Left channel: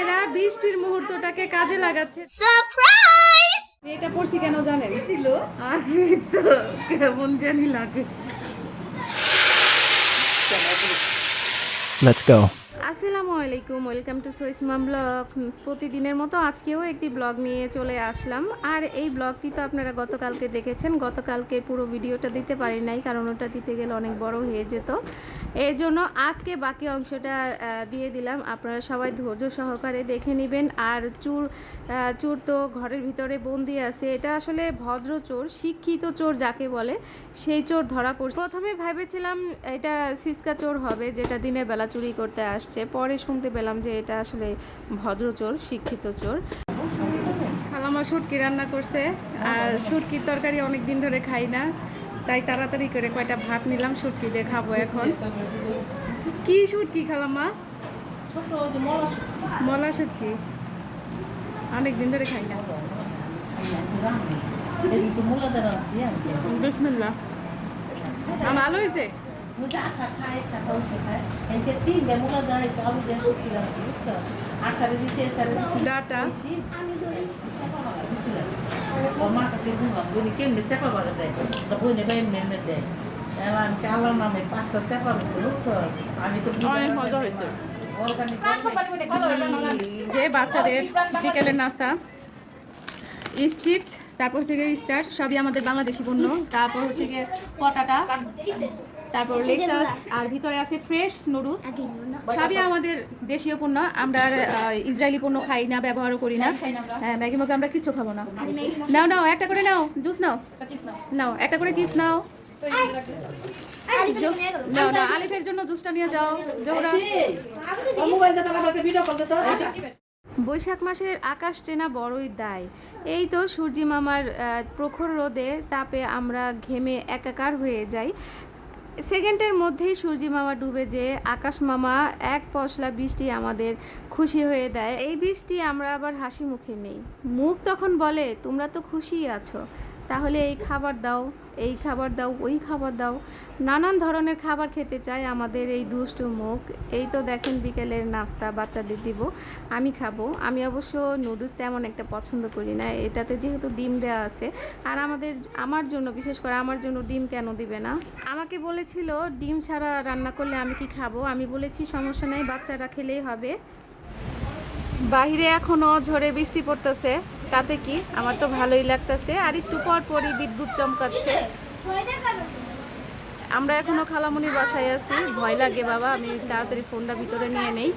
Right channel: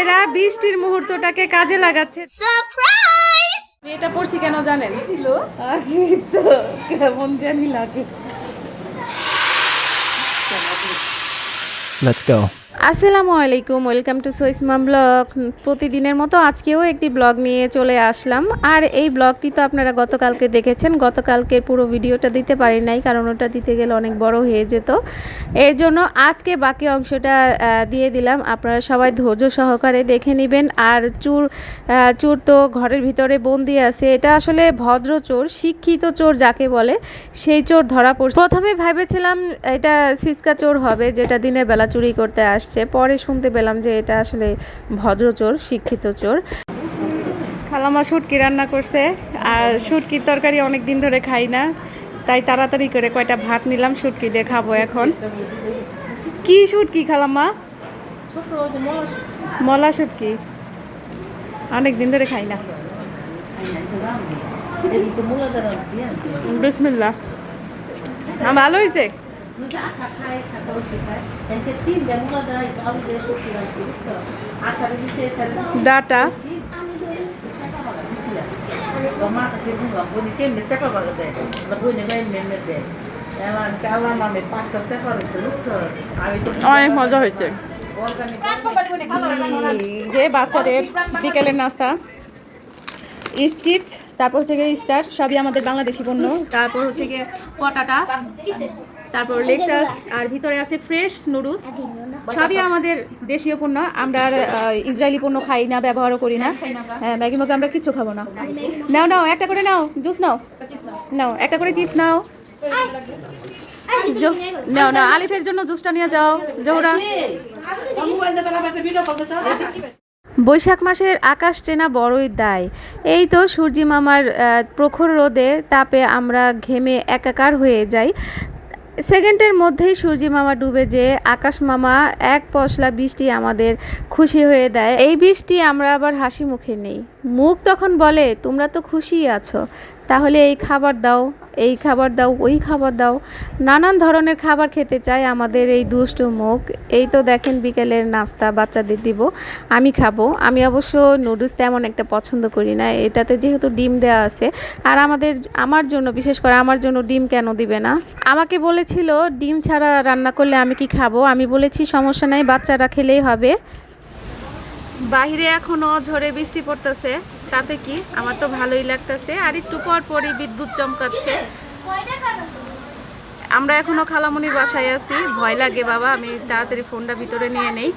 এরা বৃষ্টির মুহূর্তটাকে কাজে লাগাচ্ছে। সারপ্রাইজ! এটা পড়ছি কেন জানেন? দিল তো কেমন জানি লাগে। Let's go. আসসালামু আলাইকুম, ওয়েলকাম টু সোইসমাম ব্লগ। প্রতিদিনের মতো আজকেও একটি ব্লগ নিয়ে চলে আসলাম। আর এই ব্লগটি তো আপনারা গতকালকে দেখেছেন। গতকালকের পুরো ভিডিওটা দিতে পারি নাই, কারণ ওটা দিতে গেলে অনেক বড় হয়ে যেত। এর জন্য আজকে বাকি অংশটা দিয়ে দিলাম। আপনারা সবাই ধৈর্য সহকারে দেখে নেবেন। আর চোর তো ঘরের ভিতরে বন্দি আছে। এটা আসলে ভদ্র চোর, শিক্ষিত চোর যাকে বলে, সেই চোর ধরা পড়ছে। প্রথমে ভেবেছিলাম এটা সিসকা চোর হবে, যেটা দিনের বেলা চুরি করতে আসছে। পরে শুনতে পেলাম যে এটা আসলে ভদ্র চোর, শিক্ষিত চোর। খালামা শুটকি রান্না করছে, আর শুটকির তরকারি অনেক দিন ধরে খাই না, তাই তাড়াতাড়ি করে কয়টা ভাত নিলাম, শুটকি দিয়ে খাবো এখন। কি শুটকি খালামা? মলা শুটকি, অনেক দিন ধরে খাই না। বিসমিল্লাহ। ভালো হয়েছে। ডাটা অনেক মজা হয়েছে। যে বাচ্চাদের বিকেলের নাস্তা, চিপস, তারপর হচ্ছে গিয়ে স্টার, সবই আমাদের বাংলাদেশি পণ্য। তারপর হচ্ছে গিয়ে পটাটা, তারপর লেকচার, আর ভিতরে আছে ফ্রেশ নুডলস, সবই আমাদের দেশীয় পণ্য। আমরা আর ইসরায়েলি পণ্য খাই না, ব্যবহারও করি না। হ্যাঁ, ম্যাগি মগে আমরা কিচ্ছু খাবো না। নাও নাও, একটা করে নাও, জুস নাও, নাও একটা করে চিপস নাও, নাও নাও, আলিফের জন্য জুসটা নিয়ে যাও জোহরা। বৈশাখ মাসের আকাশ চেনা বড়ই দায়। এই তো সূর্যি মামার প্রখর রোদে তাপে আমরা ঘেমে একাকার হয়ে যাই। সেকেন্ডের মধ্যেই সূর্যি মামা ডুবে যেয়ে আকাশ মামা এক পশলা বৃষ্টি আমাদের খুশি হয়ে দেয়। এই বৃষ্টি আমরা আবার হাসি মুখে নেই। মুখ তখন বলে, তোমরা তো খুশিই আছো, তাহলে এই খাবার দাও, এই খাবার দাও, ওই খাবার দাও। নানান ধরনের খাবার খেতে চায় আমাদের এই দুষ্টু মুখ। এই তো দেখেন বিকেলের নাস্তা বাচ্চাদের দিব, আমি খাবো। আমি অবশ্য নুডলস তেমন একটা পছন্দ করি না, এটাতে যেহেতু ডিম দেওয়া আছে। আর আমার জন্য, বিশেষ করে আমার জন্য ডিম কেন দিবে না? আমাকে বলেছিল ডিম ছাড়া রান্না করলে আমি কি খাবো। আমি বলেছি সমস্যা নাই, বাচ্চারা খেলেই হবে। বাহিরে এখনো ঝড়ে বৃষ্টি পড়তেছে, তাতে কি, আমার তো ভালোই লাগতেছে। আর একটু পর পরই বিদ্যুৎ চমকাচ্ছে। আমরা এখনো খালামুনির বাসায় আছি, ভয় লাগে বাবা, আমি তাড়াতাড়ি ফোনটা ভিতরে নিয়ে নেই।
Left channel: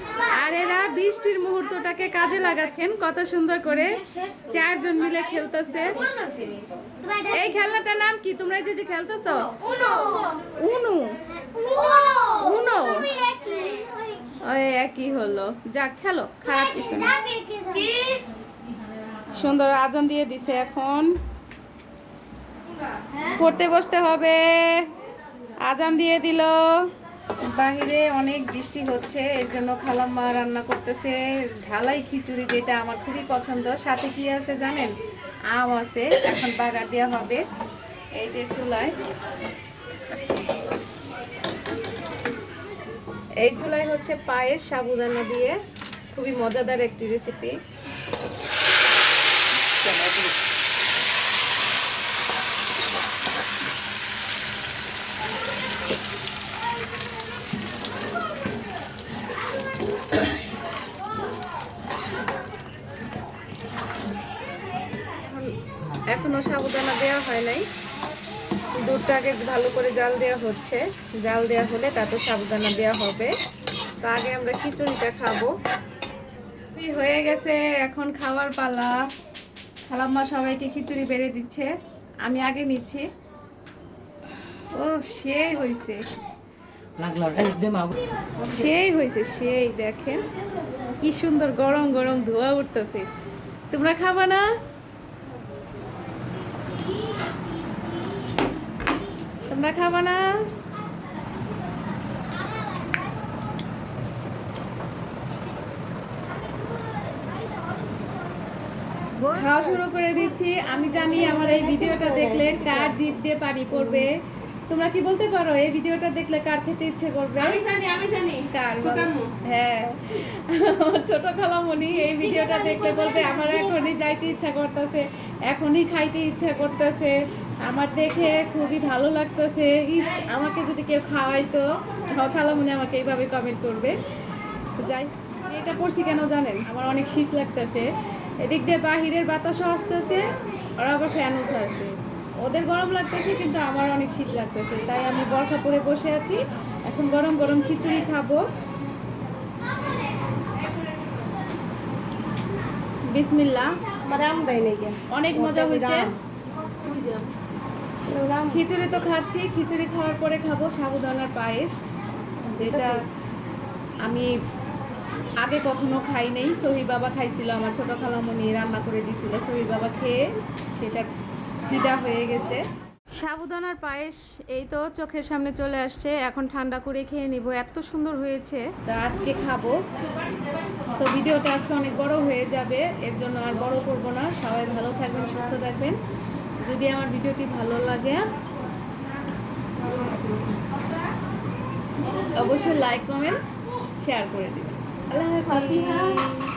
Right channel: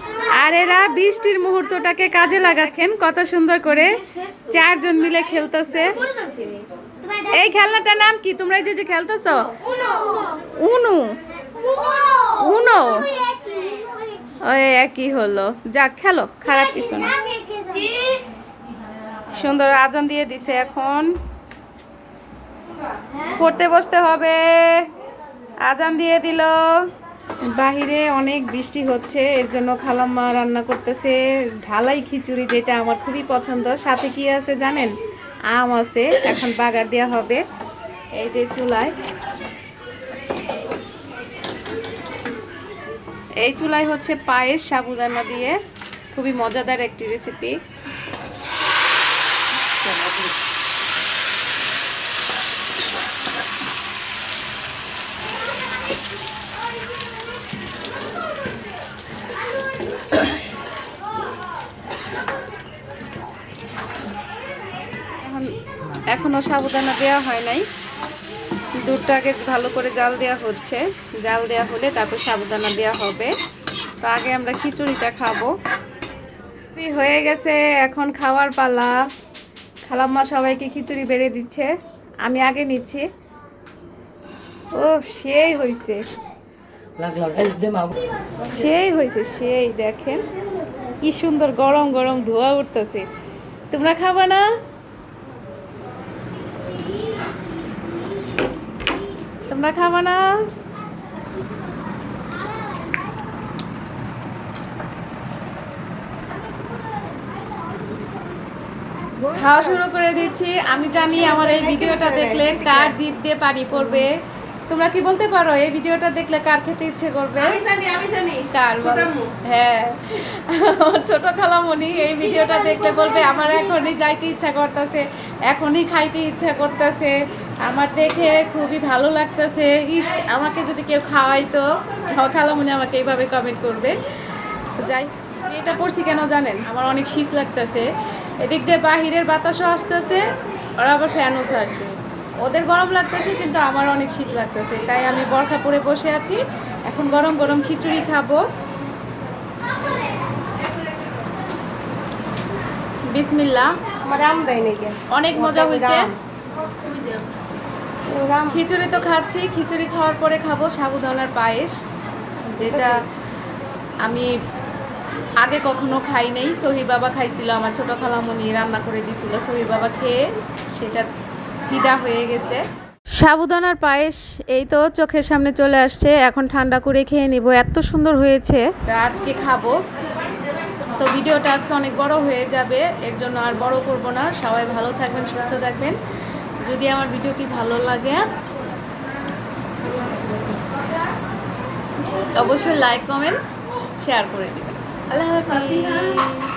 আর এরা বৃষ্টির মুহূর্তটাকে কাজে লাগাচ্ছেন কত সুন্দর করে, চারজন মিলে খেলতেছে। এই খেলনাটার নাম কি? তোমরা যে যে খেলতেছো? উনু। উনো, ওই একই হলো। যাক, খেলো, খারাপ কিছু না। সুন্দর আজান দিয়ে দিছে, এখন পড়তে বসতে হবে। আজান দিয়ে দিল। বাহিরে অনেক বৃষ্টি হচ্ছে, এর জন্য খালাম্মা রান্না করতেছে ঢালাই খিচুড়ি, যেটা আমার খুবই পছন্দ। সাথে কি আছে জানেন? আম আছে, এখন বাগার দেওয়া হবে। এই যে চুলায়, এই চুলায় হচ্ছে পায়েস সাবুদানা দিয়ে, খুবই মজাদার একটি রেসিপি। এখনো সাবুদানা দেওয়া হয় নাই, দুধটা আগে ভালো করে জাল দেওয়া হচ্ছে। জাল দেওয়া হলে তারপর সাবুদানা দেওয়া হবে। তো আগে আমরা খিচুড়িটা খাবো। হয়ে গেছে, এখন খাওয়ার পালা। খালাম্মা সবাইকে খিচুড়ি বেড়ে দিচ্ছে, আমি আগে নিচ্ছি। ও সেই হয়েছে, সেই হয়েছে, সেই দেখেন কি সুন্দর গরম গরম ধোয়া উঠতেছে। তোমরা খাবা না? তোমরা খাবা না? খাওয়া শুরু করে দিচ্ছি। আমি জানি আমার এই ভিডিওটা দেখলে কার জিভ দিয়ে পানি পড়বে, তোমরা কি বলতে পারো এই ভিডিওটা দেখলে কার খেতে ইচ্ছে করবে? আমি জানি কার ছোট বলো? আম্মু। হ্যাঁ, আমার ছোট খালামণি এই ভিডিওটা দেখলে বলবে আমার এখনই যাইতে ইচ্ছা করতেছে, এখনই খাইতে ইচ্ছা করতেছে, আমার দেখে খুবই ভালো লাগতেছে, ইস আমাকে যদি কেউ খাওয়াইতো। খালামণি আমাকে এইভাবে কমেন্ট করবে। তো যাই, এটা পড়ছি কেন জানেন? আমার অনেক শীত লাগতেছে, এদিক দিয়ে বাহিরের বাতাসও আসতেছে, ওরা আবার ফ্যানও ছাড়ছে, ওদের গরম লাগতেছে কিন্তু আমার অনেক শীত লাগতেছে, তাই আমি বরখা পরে বসে আছি। এখন গরম গরম খিচুড়ি খাবো। বিসমিল্লাহ। আমার আম দেয় নাকি অনেক মজা হয়েছে। খিচুড়ি তো খাচ্ছি, খিচুড়ি খাওয়ার পরে খাবো সাবুদানার পায়েস, যেটা আমি আগে কখনো খাই নাই। সহি বাবা খাইছিল, আমার ছোট খালামণি রান্না করে দিছিল, সহি বাবা খেয়ে সেটা ফিদা হয়ে গেছে। সাবুদানার পায়েস এই তো চোখের সামনে চলে আসছে, এখন ঠান্ডা করে খেয়ে নিব, এত সুন্দর হয়েছে, তা আজকে খাবো। তো ভিডিওটা আজকে অনেক বড় হয়ে যাবে, এর জন্য আর বড় করব না। সবাই ভালো থাকবেন, সুস্থ থাকবেন। যদি আমার ভিডিওটি ভালো লাগে অবশ্যই লাইক কমেন্ট শেয়ার করে দিবেন। আল্লাহ হাফিজ।